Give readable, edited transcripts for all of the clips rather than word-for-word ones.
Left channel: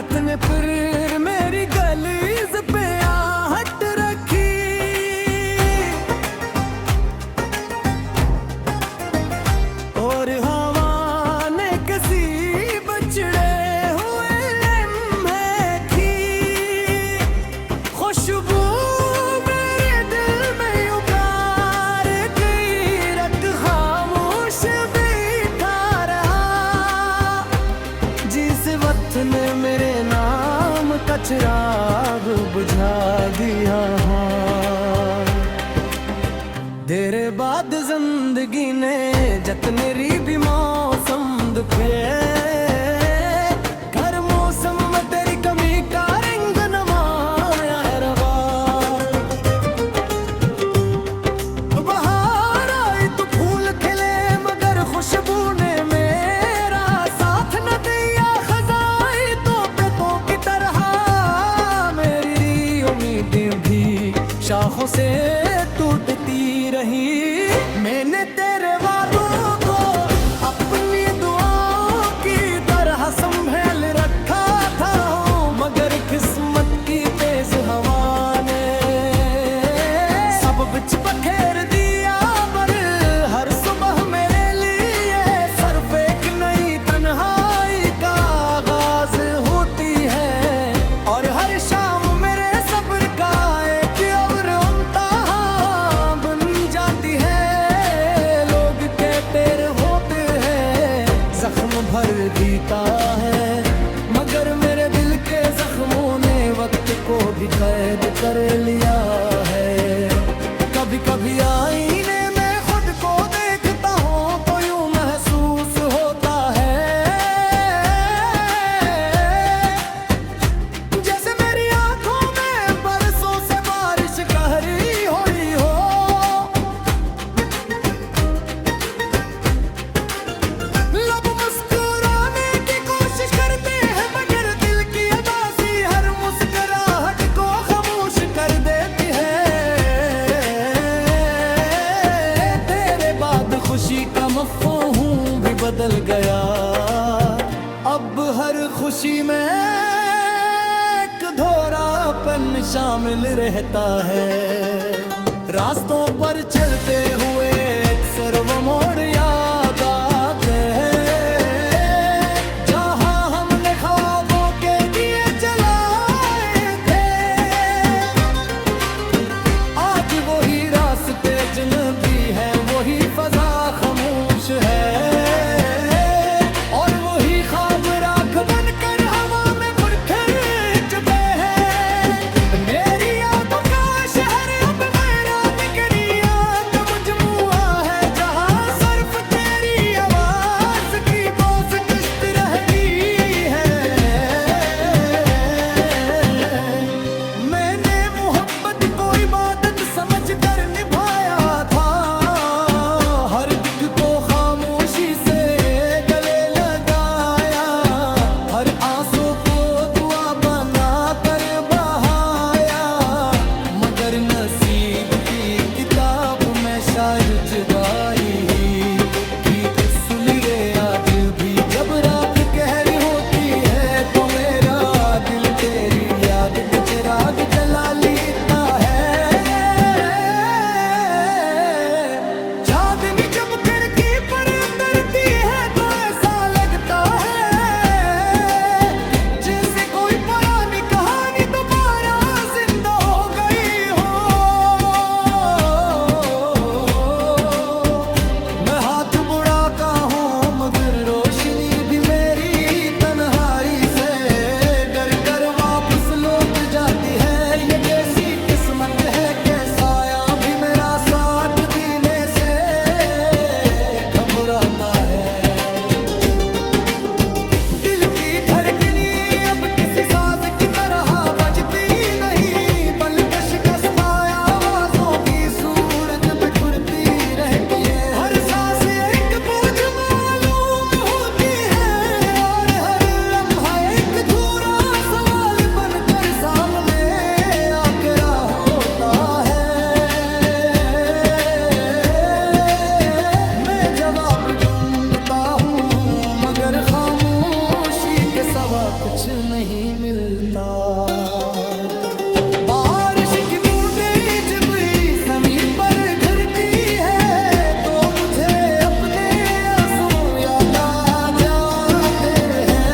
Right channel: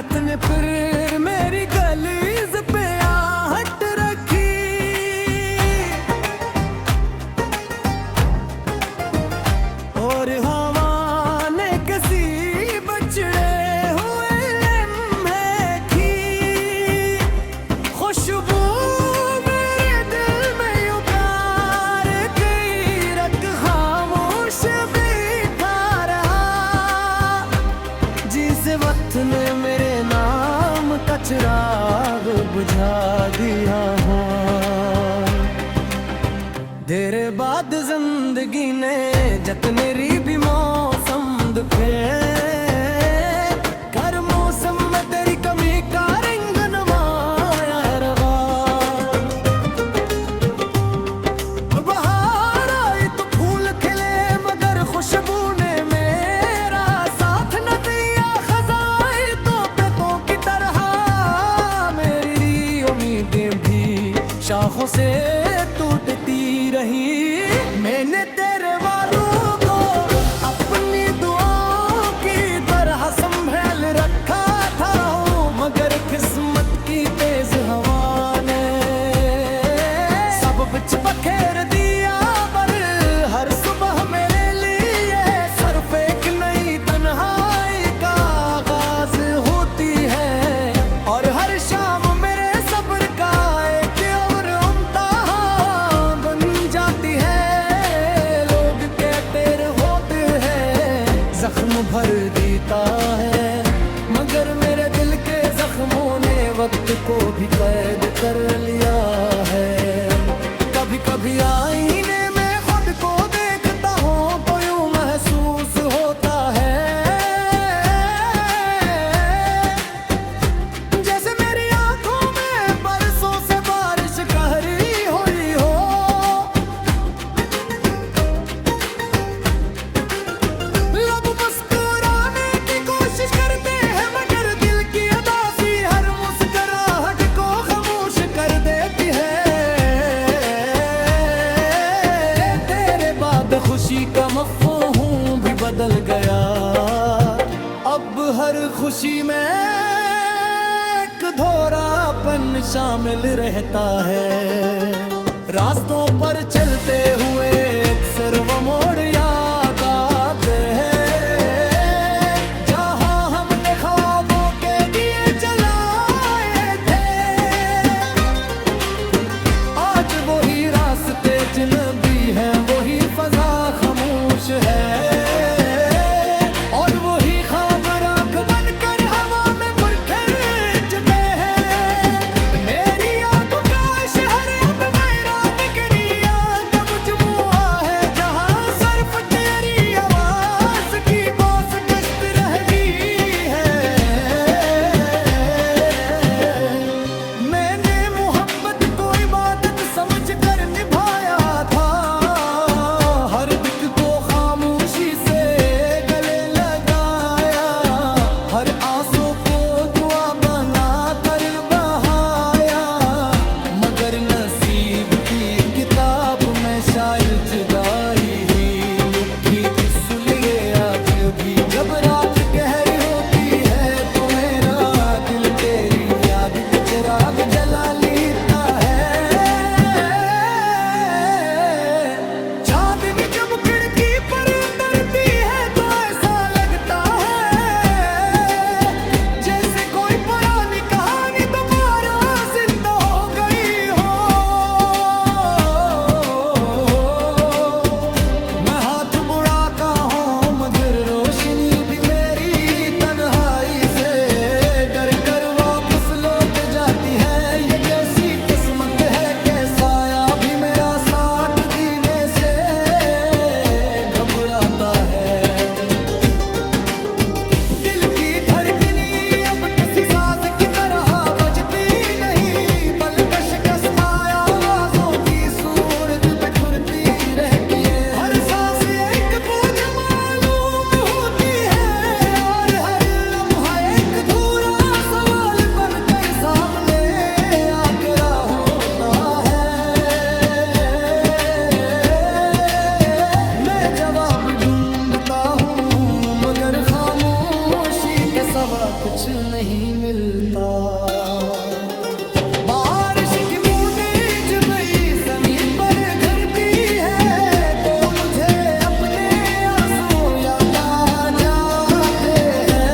रात ने फिर मेरी गलीज पे आहट रखी। और हवा ने किसी बछड़े हुए लम्हे की खुशबू मेरे दिल में उगार गई। रख खामोश बैठा रहा जिस वक्त ने मेरे नाम का चिराग बुझा दिया। तेरे बाद जिंदगी ने जतने री भी मौसम दुखे हर मौसम में तेरी कमी का रंग नमाया रवा। बाहर आई तो फूल खिले मगर खुशबू ने मेरा साथ न दिया। खजाई तोतों की तरह मेरी उम्मीदें भी शाखों से टूटती रही। मैंने तेरे वालों को अपनी दुआओं की तरह संभाल रखा था मगर किस्मत की तेज हवा ने सब बिच बखेर दिया। पर हर सुबह मेरे लिए सिर्फ एक नई तन्हाई का आगाज होती है और हर शाम मेरे सब्र का एक और इम्तिहान बन जाती है। लोग कहते होते हैं जख्म भर देता है मगर मेरे दिल के जख्मों ने वक्त को भी कैद कर लिया है। कभी कभी आईने में खुद को देखता हूँ तो यूं महसूस होता है जैसे मेरी आंखों में बरसों से बारिश कहरी हुई हो। लब मुस्कुराने की कोशिश करते हैं मगर दिल की अदासी हर मुस्कुराहट को खामोश कर देती है। तेरे बाद खुशी का मफ़हूम भी बदल गया। अब हर खुशी में एक धोरापन शामिल रहता है। रास्तों पर चलते हुए अक्सर वो मोड़ याद आते हैं जहां हमने ख्वाबों के दिए जलाए थे। आज वही रास्ते अजनबी हैं वही फजा खामोश है और वही ख्वाब राख बनकर हवा में पुरखे चुके हैं। मेरी यादों का शहर अब वीरान निकरिया का मजमुआ है जहां सिर्फ तेरी आवाज की बोझ गश्त रह गई है। मैंने मोहब्बत को इबादत समझ कर निभाया था हर दिल को खामोशी से गले लगाया। हर आंसू को दुआ बना कर बहाया मगर नसीब की किताब में शायद जुदाई ही लिखी सुलगे आज भी। जब रात गहरी होती है तो मेरा दिल तेरी याद के चिराग जला लेता है। चांदनी जब खिड़की पर उतरती है तो ऐसा लगता है जैसे कोई पुरानी कहानी दोबारा जिंदा हो गई हो। मैं हाथ बुढ़ाता हूँ मगर रोशनी भी मेरी तन्हाई से डर कर वापस लौट जाती है। ये कैसी किस्मत है कैसाया भी मेरा साथ देने से घबराता है। दिल की धड़कनी अब किसी साज की तरह बजती नहीं बल्कि शिकस्त आवाजों की सूरत बिखरती रहती है। हर सांस एक बोझ मालूम होती है और हर लम्हा एक धूरा सवाल बनकर सामने आके रहा होता सवा कुछ नहीं मिलता। बारिश की बूंदें जब जमीन पर गिरती है तो मुझे अपने आंसू याद आ जाते हैं।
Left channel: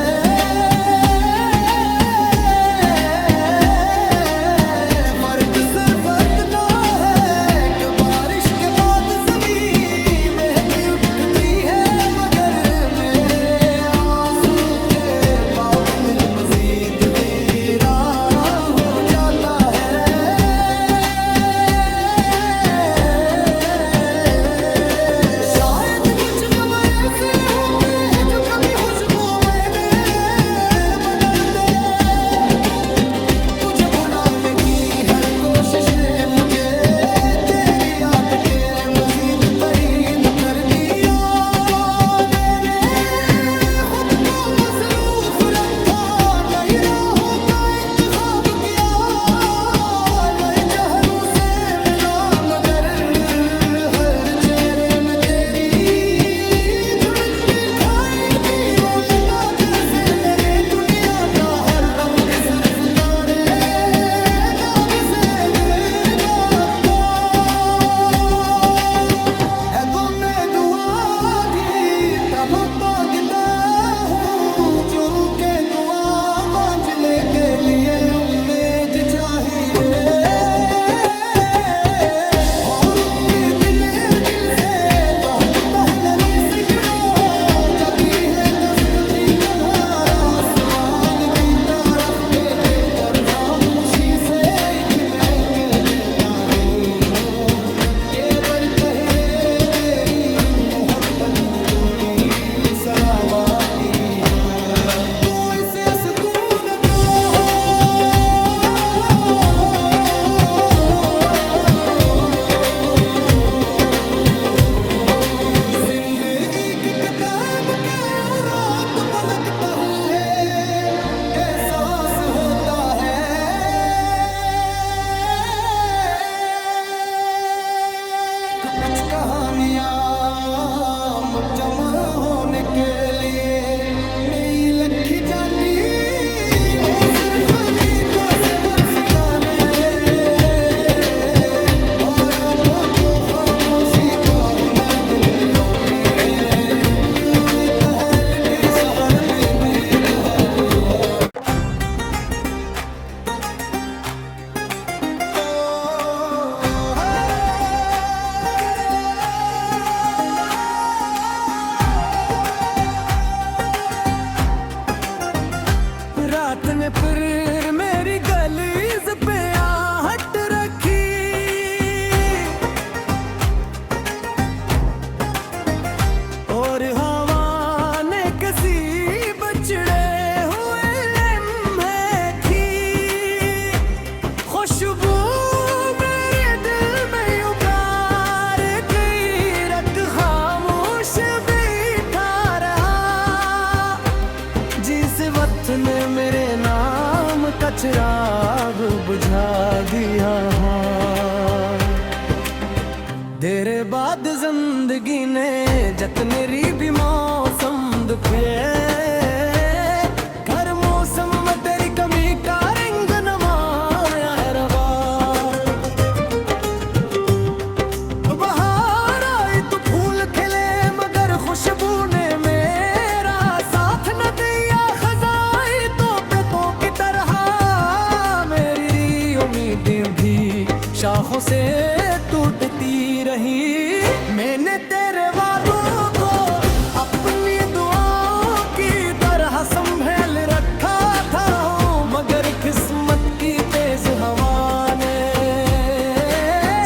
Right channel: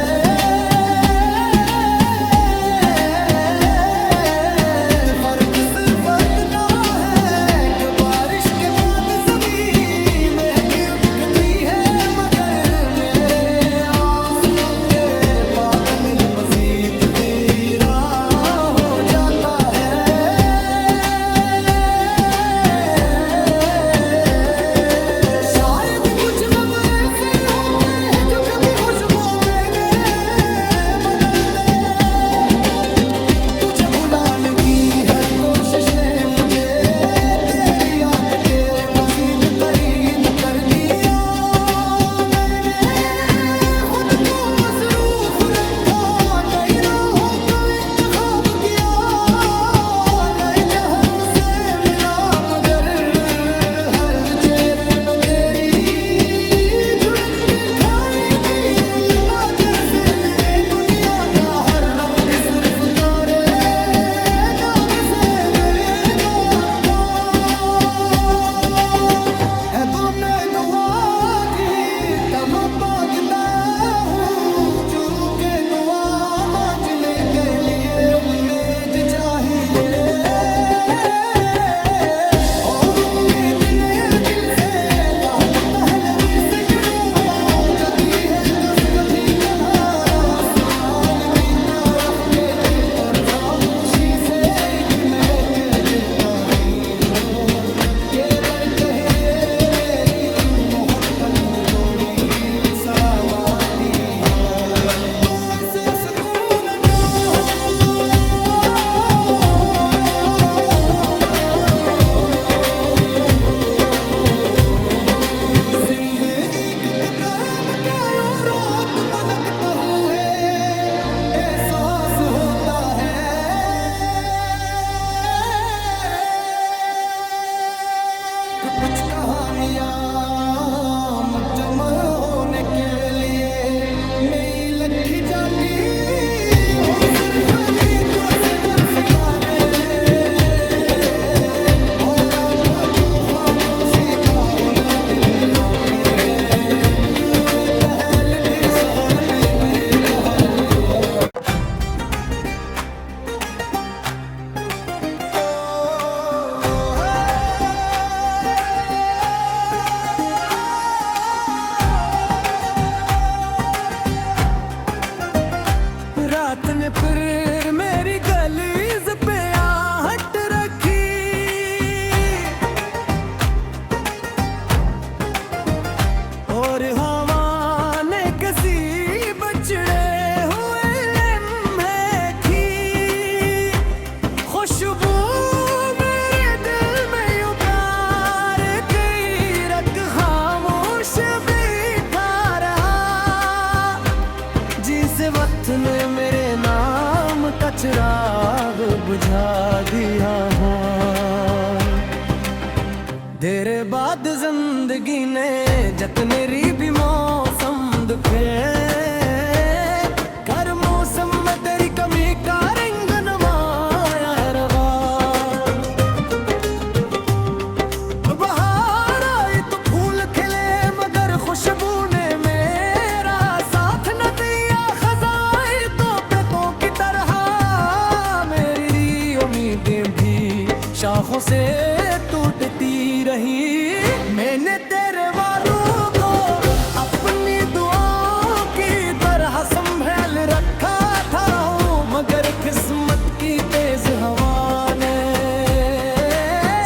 फर्क सिर्फ इतना है कि बारिश के बाद जमीन महकी उठती है, मगर मेरे आंसू के बाद दिल मजीद वीरान हो जाता है। शायद कुछ गम ऐसे होते हैं जो कभी खुशबू में नहीं बदलते। तुझे भुलाने की हर कोशिश ने मुझे तेरी याद के मजीद करीब कर दिया। मैंने खुद को मसरूफ रखा, नई राहों का इंतखाब किया, नए चेहरों से मिला, मगर हर चेहरे में तेरी झुलकती दिखाई दी। ओ लबा जैसे मेरे दुनिया का हर रंग सिर्फ तारे दाग से बेबाका है। तुमने दुआ दी तब मांगता हूँ, जुल के दुआ बांझले के लिए उम्मीद चाहिए। और उम्मीद ने दिल से बहुत पहले रुई से क्यों जगी है, कस कभी कधार आसमान की तरफ देखे पर खामोशी से एक नए कह देता हूँ के बढ़ कहे मेरी मोहब्बत की डोरी शराबाती है। तू इसे सुकून दो, जिंदगी की किताब क्या यूं रात पलटता हूँ है, एहसास होता है। कुछ कहानियां जमा होने के लिए मेरी लखी जाती हो, सिर्फ गीतों से बरस गाने। और अब तो खामोशी का हुनर दिल मेरा भी है, कहलती सहारा पे मैं कहानियां। रात ने फिर मेरी गलीज पे आहट रखी, और हवा ने किसी बचड़े हुए लम्हे की खुशबू मेरे दिल में यूं प्यार की रट खामोश बैठा रहा। जिस वक्त ने मेरे नाम का चिराग बुझा दिया, देर बाद जिंदगी ने जतनेरी भी मौसम दुखे। हर मौसम में तेरी कमी का रंग नमाया है रवा। बहार आई तो फूल खिले, मगर खुशबू ने मेरा साथ न दिया। खजाई तो पेतों की तरह मेरी उम्मीदें भी शाखों से टूटती रही। मैंने तेरे वालों को अपनी दुआओं की तरह संभाल रखा था, मगर किस्मत की तेज हवा ने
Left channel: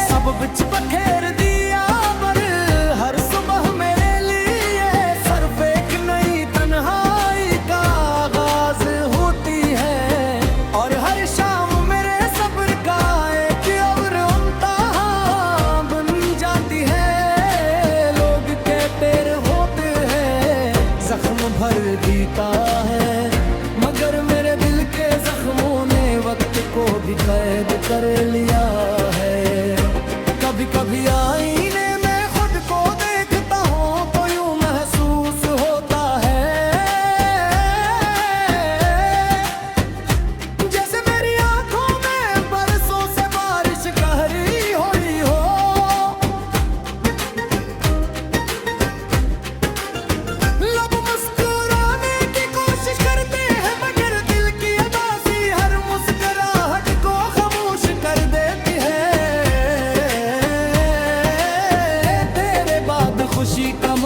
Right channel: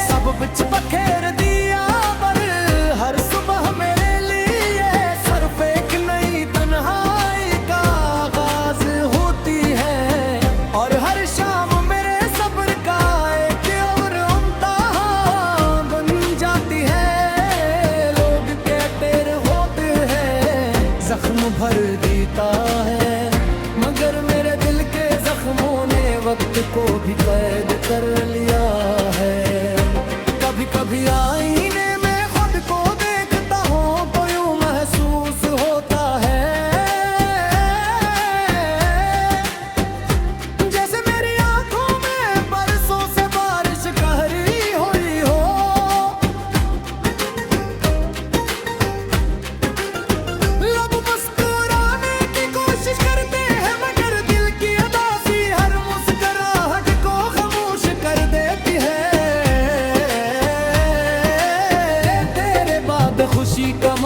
सब बिच बखेर दिया। पर हर सुबह मेरे लिए सिर्फ एक नई तन्हाई का आगाज होती है, और हर शाम मेरे सब्र का एक और इम्तिहान बन जाती है। लोग कहते होते हैं जख्म भर देता है, मगर मेरे दिल के जख्मों ने वक्त को भी कैद कर लिया है। कभी कभी आईने में खुद को देखता हूँ तो यूं महसूस होता है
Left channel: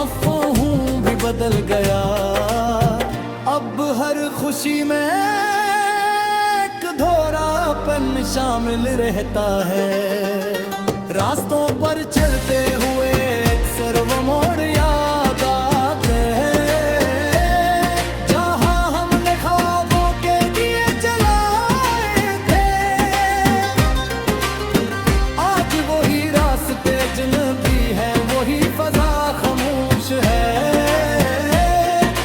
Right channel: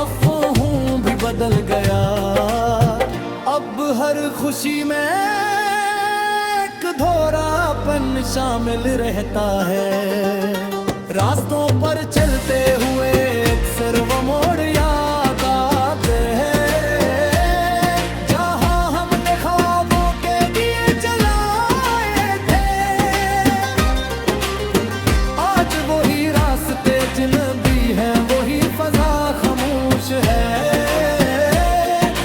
अफवाहों भी बदल गया। अब हर खुशी में एक दोहरापन शामिल रहता है। रास्तों पर चलते हुए अक्सर वो मोड़ याद आते हैं जहां हमने ख्वाबों के दिए जलाए थे। आज वही रास्ते अजनबी हैं, वही फजा खामोश है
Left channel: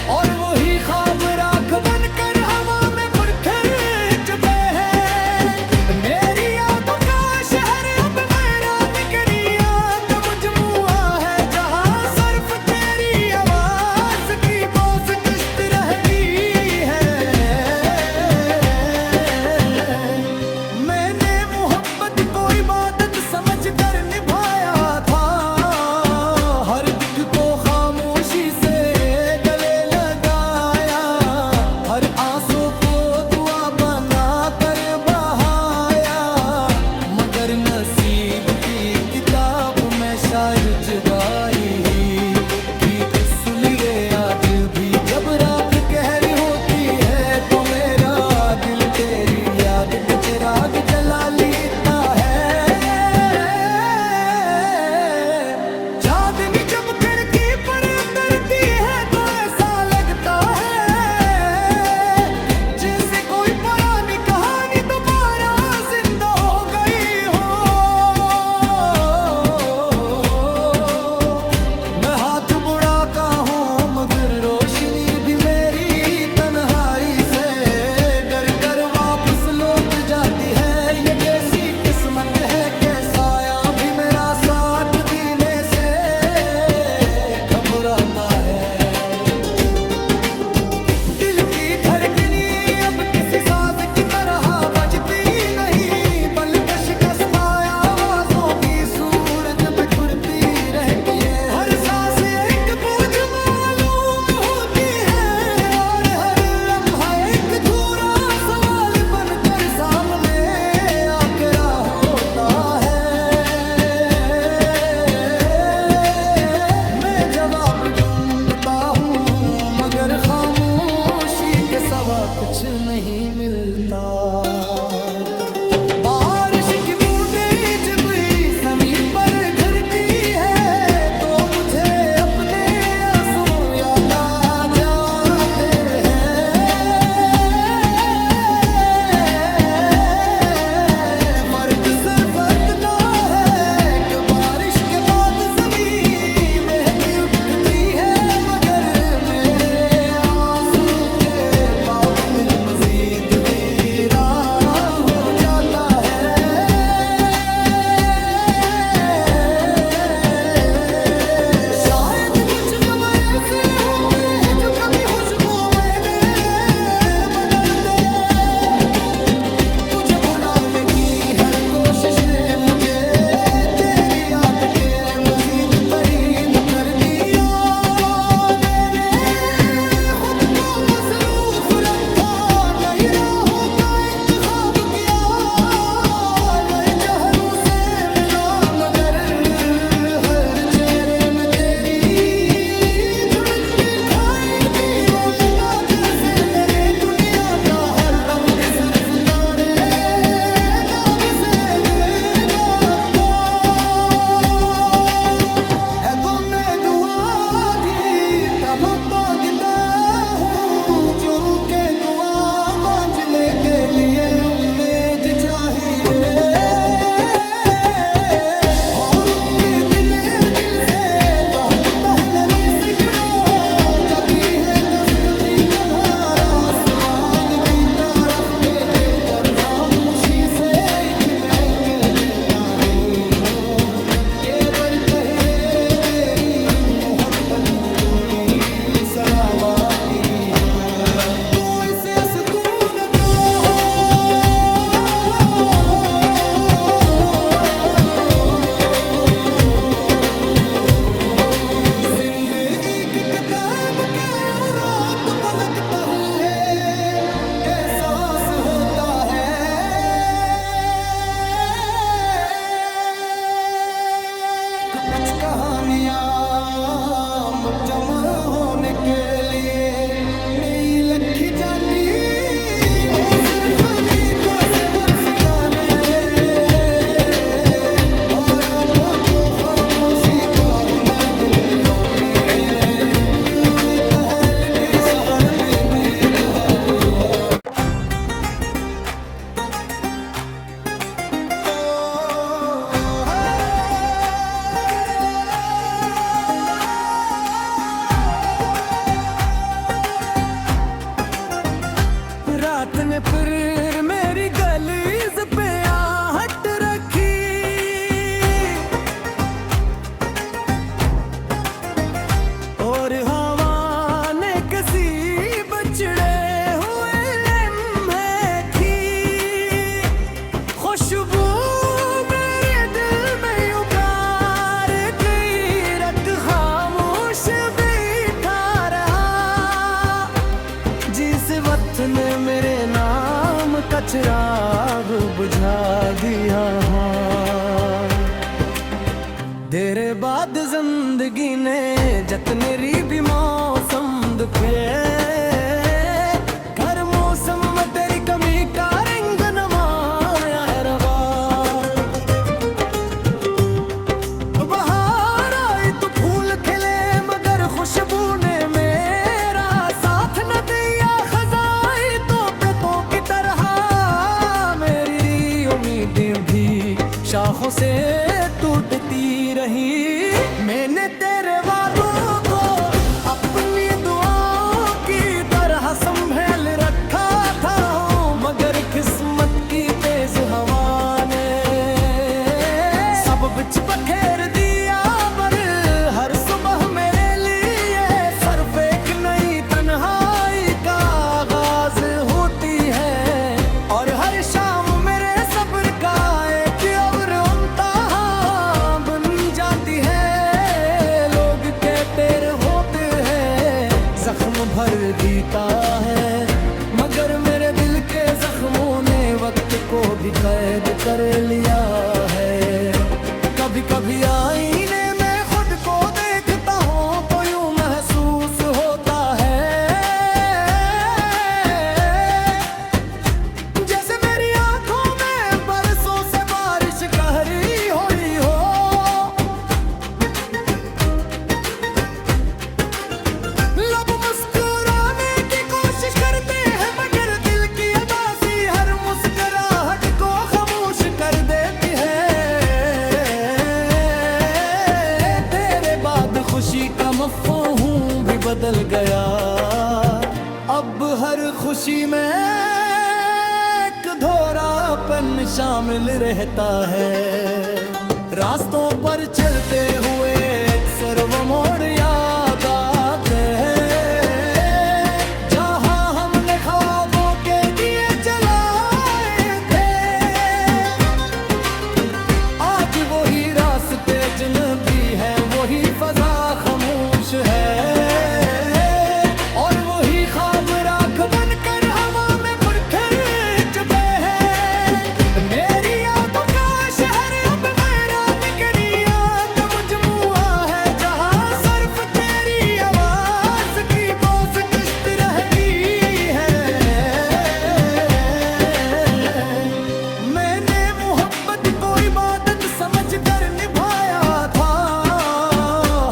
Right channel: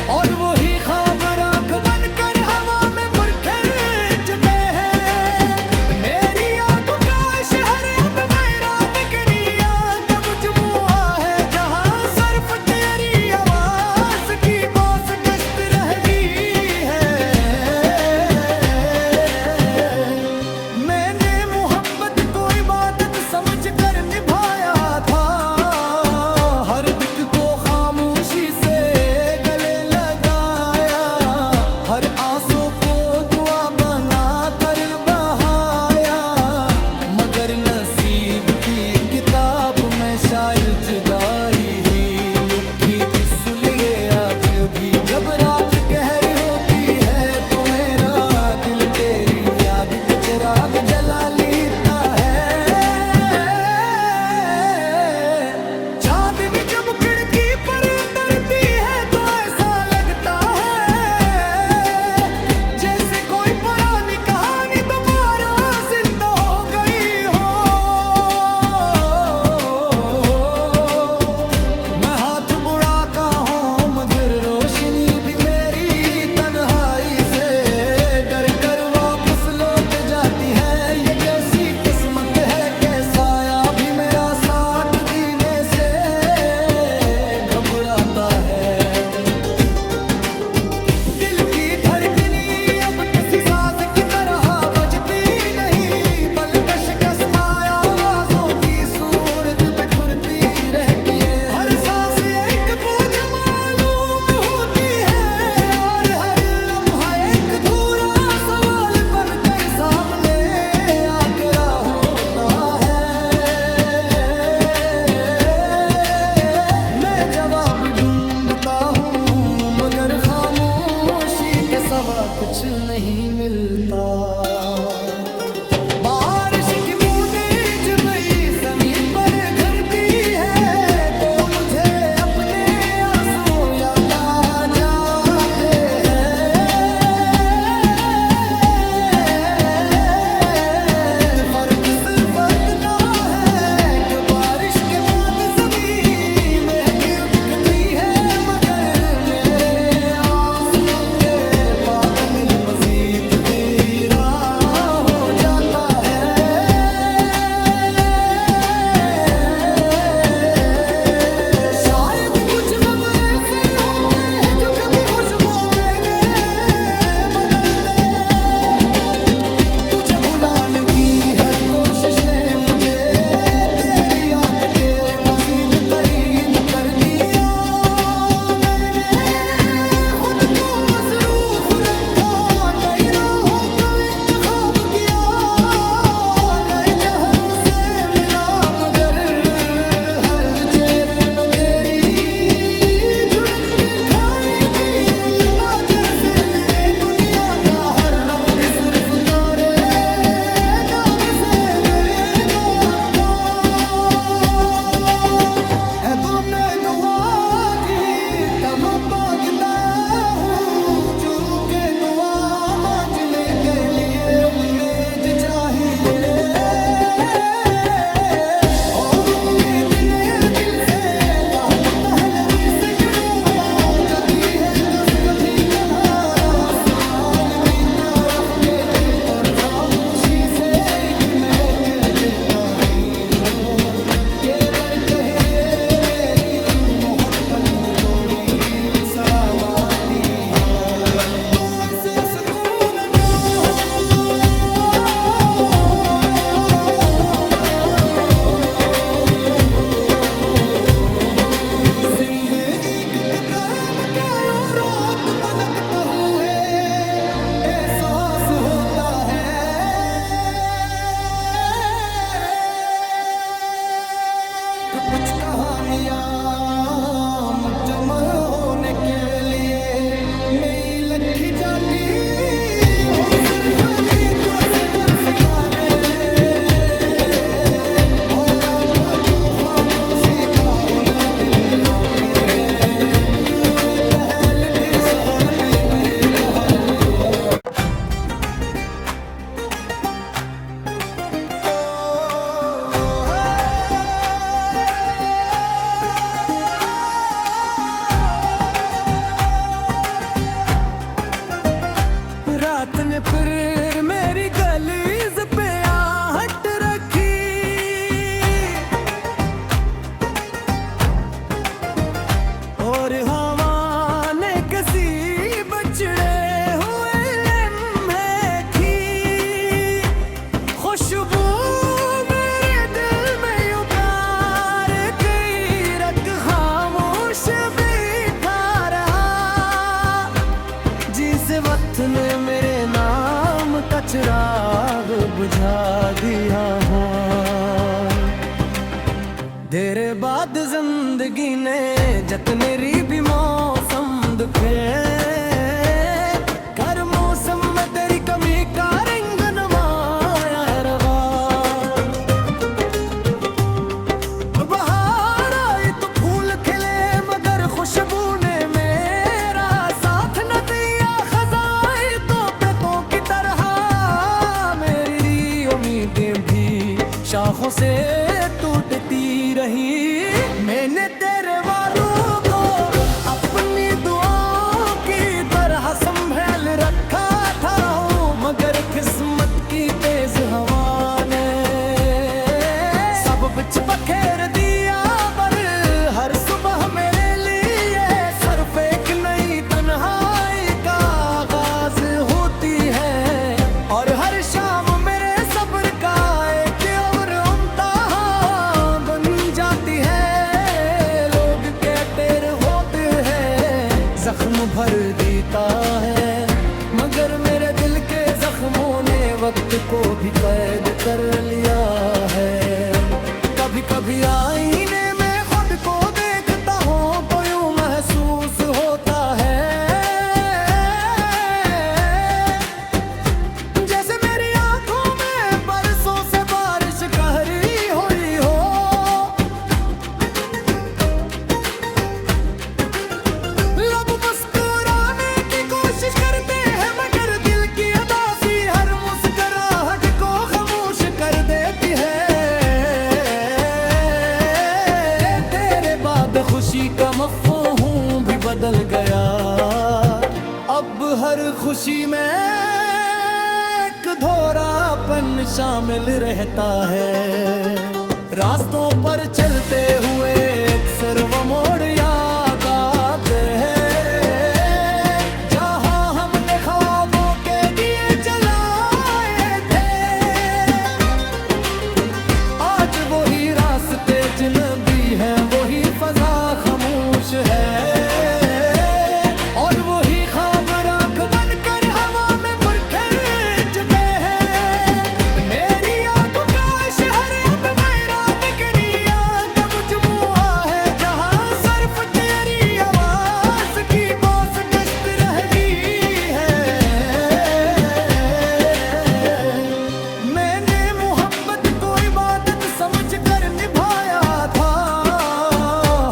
और वही ख्वाब राख बनकर हवा में परखे चुके हैं। मेरी यादों का शहर अब मेरा निकरिया का मजमुआ है जहां सिर्फ तेरी आवाज की बोझ गश्त रह गई है। मैंने मोहब्बत को इबादत समझ कर निभाया था, हर दिल को खामोशी से गले लगाया, हर आंसू को दुआ बना कर बहाया। मगर नसीब की किताब में शायर जुदाई ही लिखी सुलिए आज भी। जब रात गहरी होती है तो मेरा दिल तेरी याद के चिराग जला लेता है। चांदनी जब खिड़की पर उतरती है तो ऐसा लगता है जैसे कोई पुरानी कहानी दोबारा जिंदा हो गई हो। मैं हाथ बुढ़ाता हूँ मगर रोशनी भी मेरी तन्हाई से डर कर वापस लौट जाती है। ये कैसी किस्मत है कि साया भी मेरा साथ देने से घबराता है। दिल की धड़कनी अब किसी साज की तरह बजती नहीं, बल्कि शिकस्ता आवाजों की सूरत बिखरती रहती है। हर सांस एक बोझ मालूम होती है और हर लम्हा एक अधूरा सवाल बनकर सामने आकर होता है। मैं जवाब ढूंढता हूँ मगर खामोशी के सिवा कुछ नहीं मिलता। बारिश की बूंदें जब जमीन पर गिरती है तो मुझे अपने आंसू याद आ जाते हैं। फर्क सिर्फ इतना है कि बारिश के बाद जमीन महकी उठती है, मगर मेरे आंसू के बाद दिल मजीद वीरान हो जाता है। शायद कुछ गम ऐसे होते हैं जो कभी खुशबू में नहीं बदलते। तुझे भुलाने की हर कोशिश ने मुझे तेरी याद के मजीद करीब कर दिया। मैंने खुद को मसरूफ रखा, नई राहों का इंतखाब किया, नए चेहरों से मिला, मगर हर चेहरे में तेरी झुलक दिखाई दी। ओ लबा जैसे मेरे दुनिया का हर रंग सिर्फ तारे दाग से बेबाका है। वो मैं दुआ दी तब मांगता हूँ जो के दुआ बांझले के लिए उम्मीद चाहिए और उम्मीद ने दिल से बहुत पहले रुई से वो जाती है कस कभी कभार आसमान की तरफ देखे पर खामोशी से एक नए कह देता हूँ के बड़ कहे मेरी मोहब्बत की डोली शराबाती है। तू इसे सुकून दो जिंदगी की किताब का यूं रात पलटता हुए एहसास होता है। कुछ कहानियां जमा होने के लिए मेरी लखी जाती ओ सिर्फ को से बरस गाने और अब तो खामोशी का हुनर दिल में वापी है कहल की सहारा पे नहीं कहा लिया रात ने फिर मेरी गलीज पे आहट रखी और हवा ने किसी बचड़े हुए लम्हे की खुशबू मेरे दिल में उतार गई रख खामोश बैठा रहा जिस वक्त ने मेरे नाम का चिराग बुझा दिया देर बाद जिंदगी ने जतने री भी मौसम दुखे हर मौसम में तेरी कमी का रंग नवाया है रवा बहार आई तो फूल खिले मगर खुशबू ने मेरा साथ न दिया खजाई तो पेतों की तरह मेरी उम्मीदें भी शाखों से टूटती रही मैंने तेरे वालों को अपनी दुआओं की तरह संभाल रखा था मगर किस्मत की तेज हवा ने सब बिच बखेर दिया पर हर सुबह मेरे लिए सिर्फ एक नई तन्हाई का आगाज होती है और हर शाम मेरे सब्र का एक और इम्तिहान बन जाती है लोग कहते होते हैं जख्म भर देता है मगर मेरे दिल के जख्मों ने वक्त को भी कैद कर लिया है कभी कभी आईने में खुद को देखता हूँ तो यूं महसूस होता है जैसे मेरी आंखों में बरसों से बारिश कहरी हो रही हो लब मुस्कुराने की कोशिश करते हैं मगर दिल की अदासी हर मुस्कुराहट को खामोश कर देती है तेरे बाद खुशी का मफ़हूम भी बदल गया अब हर खुशी में एक धोरापन शामिल रहता है रास्तों पर चलते हुए अक्सर वो मोड़ याद आते हैं जहां हमने ख्वाबों के दिए जलाए थे आज वही रास्ते अजनबी हैं वही फजा खामोश है और वही ख्वाब राख बनकर हवा में पुरखर चुके हैं मेरी यादों का शहर अब मेरा निकरिया का मजमुआ है जहां सिर्फ तेरी आवाज की बोझ गश्त रह गई है मैंने मोहब्बत को इबादत समझ कर निभाया था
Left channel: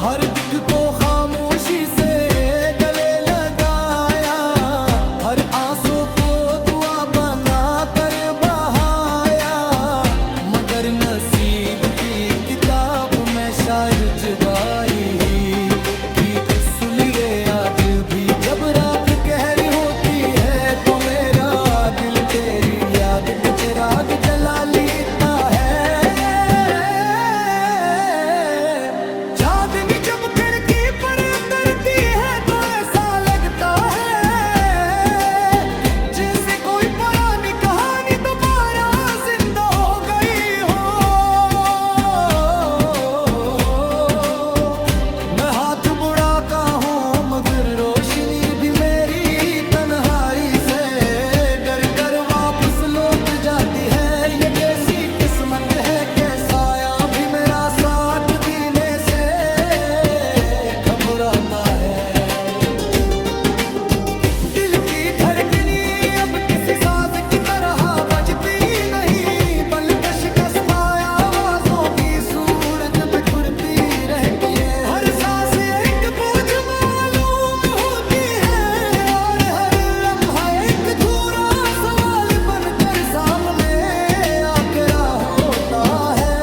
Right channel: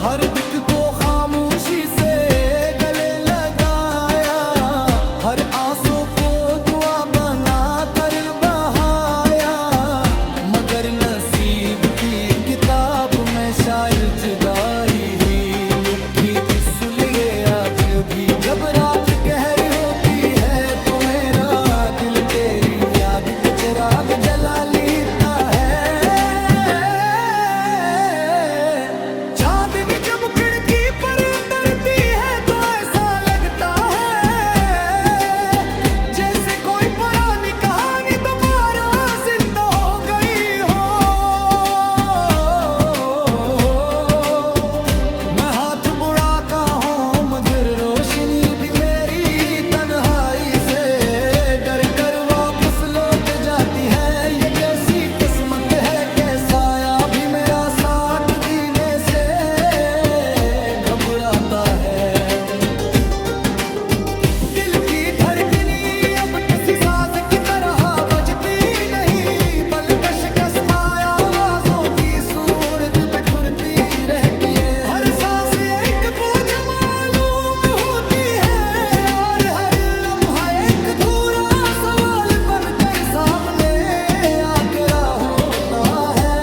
हर दिख को खामोशी से गले लगाया हर आंसू को दुआ बना कर बहाया मगर नसीब की किताब में शायद जुदाई ही लिखी सुलिए आज भी जब रात गहरी होती है तो मेरा दिल तेरी याद के चिराग जला लेता है चांदनी जब खिड़की पर उतरती है तो ऐसा लगता है जैसे कोई पुरानी कहानी दोबारा जिंदा हो गई हो मैं हाथ बुढ़ाता हूँ मगर रोशनी भी मेरी तन्हाई से डर कर वापस लौट जाती है ये कैसी किस्मत है कैसा आया भी मेरा साथ देने से घबरा मुस्कुराता है। दिल की धड़कनी अब किसी साज की तरह बजती नहीं, बल्कि शिकस्ता आवाजों की सूरत बिखरती रहती है। हर सांस एक बोझ मालूम होती है, और हर लम्हा एक अधूरा सवाल बनकर सामने आकर होता है।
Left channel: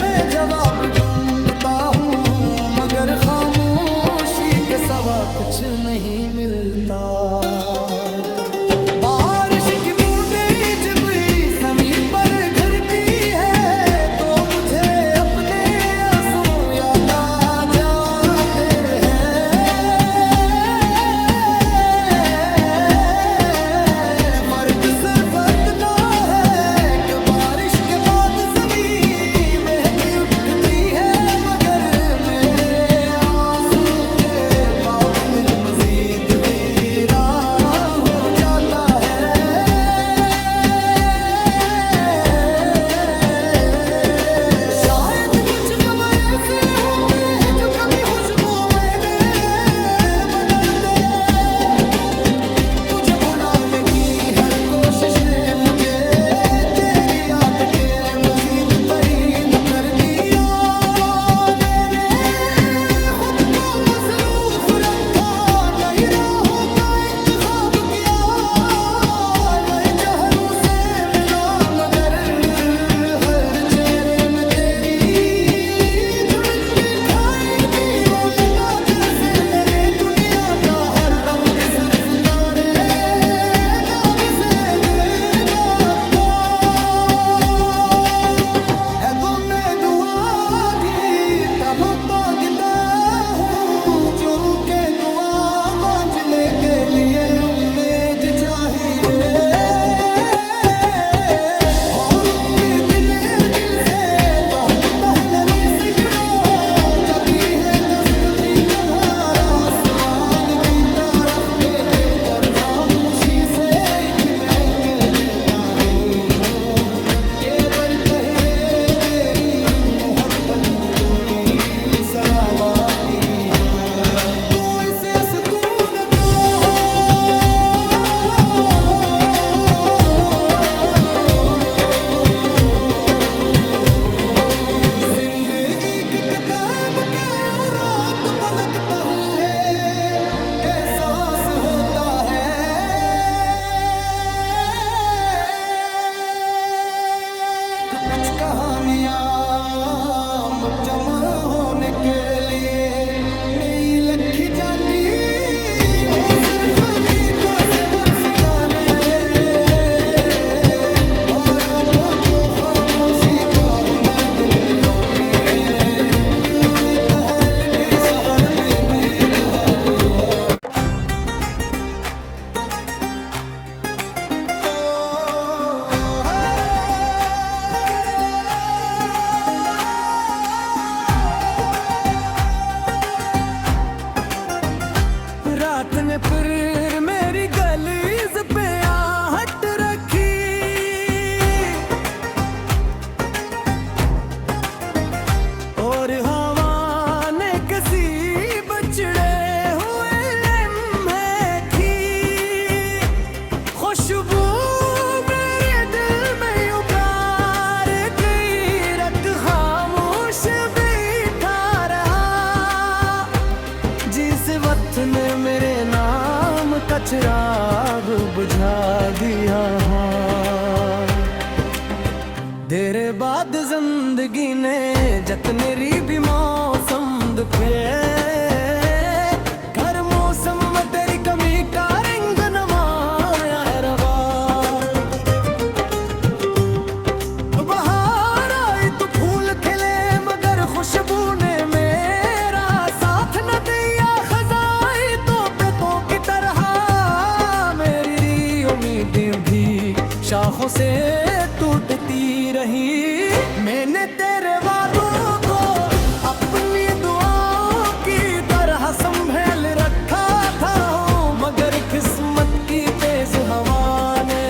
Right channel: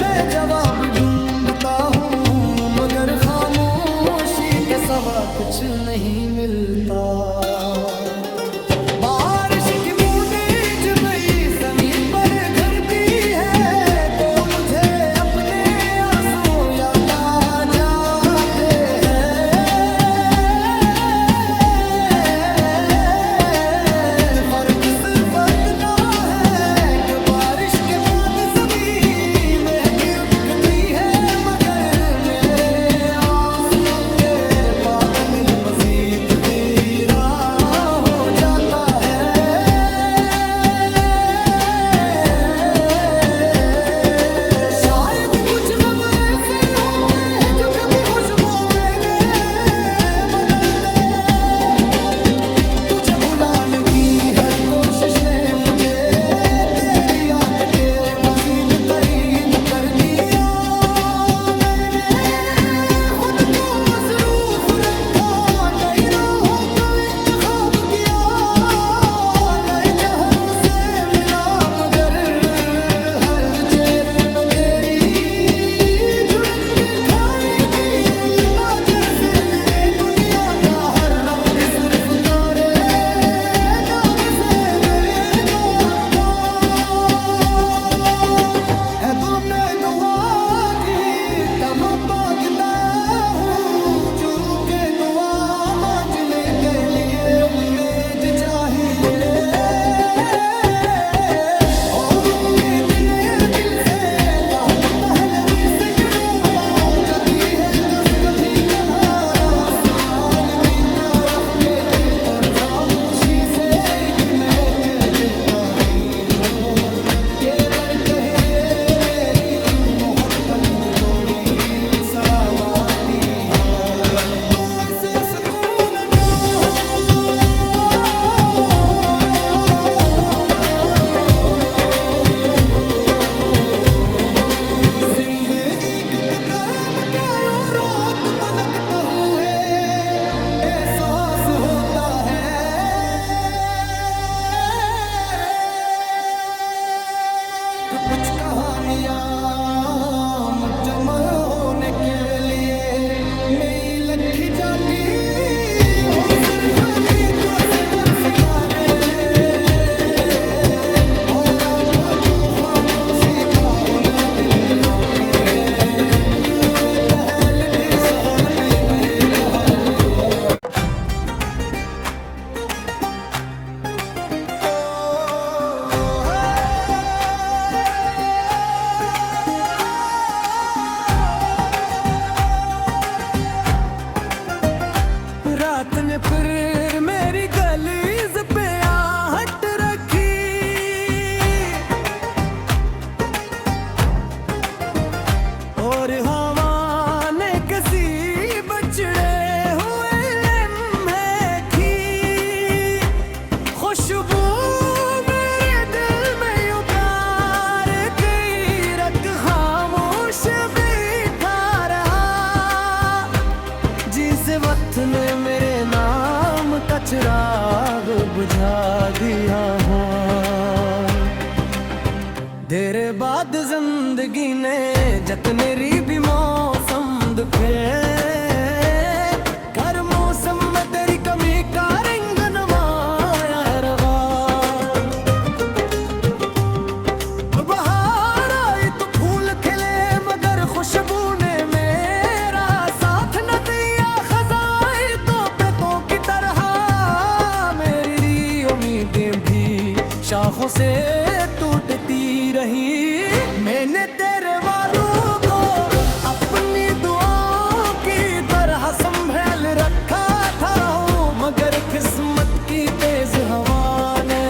मैं जवाब ढूंढता हूँ मगर खामोशी के सिवा कुछ नहीं मिलता। बारिश की बूंदें जब जमीन पर गिरती है तो मुझे अपने आंसू याद आ जाते हैं। फर्क सिर्फ इतना है कि बारिश के बाद जमीन महकी उठती है, मगर मेरे आंसू के बाद दिल मजीद वीरा हो जाता है। शायद कुछ गम ऐसे होते हैं जो कभी खुशबू में नहीं बदलते। तुझे भुलाने की हर कोशिश ने मुझे तेरी याद के मजीद करीब कर दिया। मैंने खुद को मसरूफ रखा, नई राहों का इंतखाब किया, नए चेहरों से मिला, मगर हर चेहरे में तेरी झलक दिखाई दी। ओ लबा जैसे मेरे दुनिया का हर रंग सिर्फ तारे दाग से बेबाका है। वो मैं दुआ दी तब मांगता हूँ, जो के दुआ मांझले के लिए उम्मीद चाहिए, और उम्मीद ने दिल से बहुत पहले रुई से जाती है। कभी कभार आसमान की तरफ देखे पर खामोशी से एक मैं कह देता हूँ के बढ़ कहे मेरी मोहब्बत की डोली सराबाती है। तू इसे सुकून दो, जिंदगी की किताब क्या यूं रात पलटता हूँ है, एहसास होता है। तो कुछ कहानियां जमा होने के लिए मेरी लखी जाती हो, सिर्फ गीतों से बरस गाने, और अब तो खामोशी का हुनर दिल में गाती है। मोए कहल की सहारा पे मैं कहा लिया। रात ने फिर मेरी गलीज पे आहट रखी, और हवा ने किसी बचड़े हुए लम्हे की खुशबू मेरे दिल में उतार गई। रत खामोश बैठा रहा, जिस वक्त ने मेरे नाम का चिराग बुझा दिया। देर बाद जिंदगी ने जतने री भी मौसम दुखे, हर मौसम में तेरी कमी का रंग नमाया है रवा। बहार आई तो फूल खिले, मगर खुशबू ने मेरा साथ न दिया। खजाई तो पेतों की तरह मेरी उम्मीदें भी शाखों से टूटती रही। मैंने तेरे वालों को अपनी दुआओं की तरह संभाल रखा था, मगर किस्मत की तेज हवा ने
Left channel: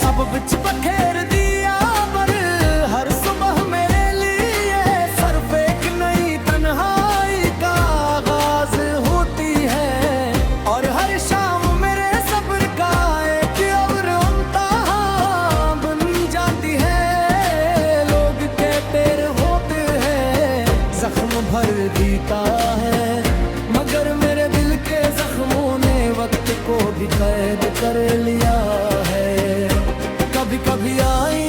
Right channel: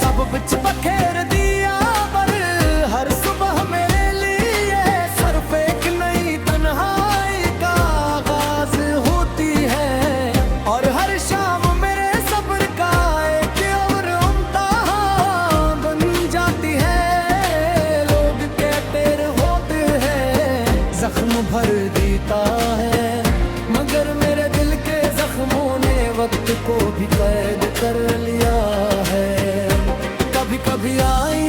सब बिच बखेर दिया। पर हर सुबह मेरे लिए भर जीता है, मगर मेरे दिल के जख्मों ने वक्त को भी कैद कर लिया है। कभी कभी आई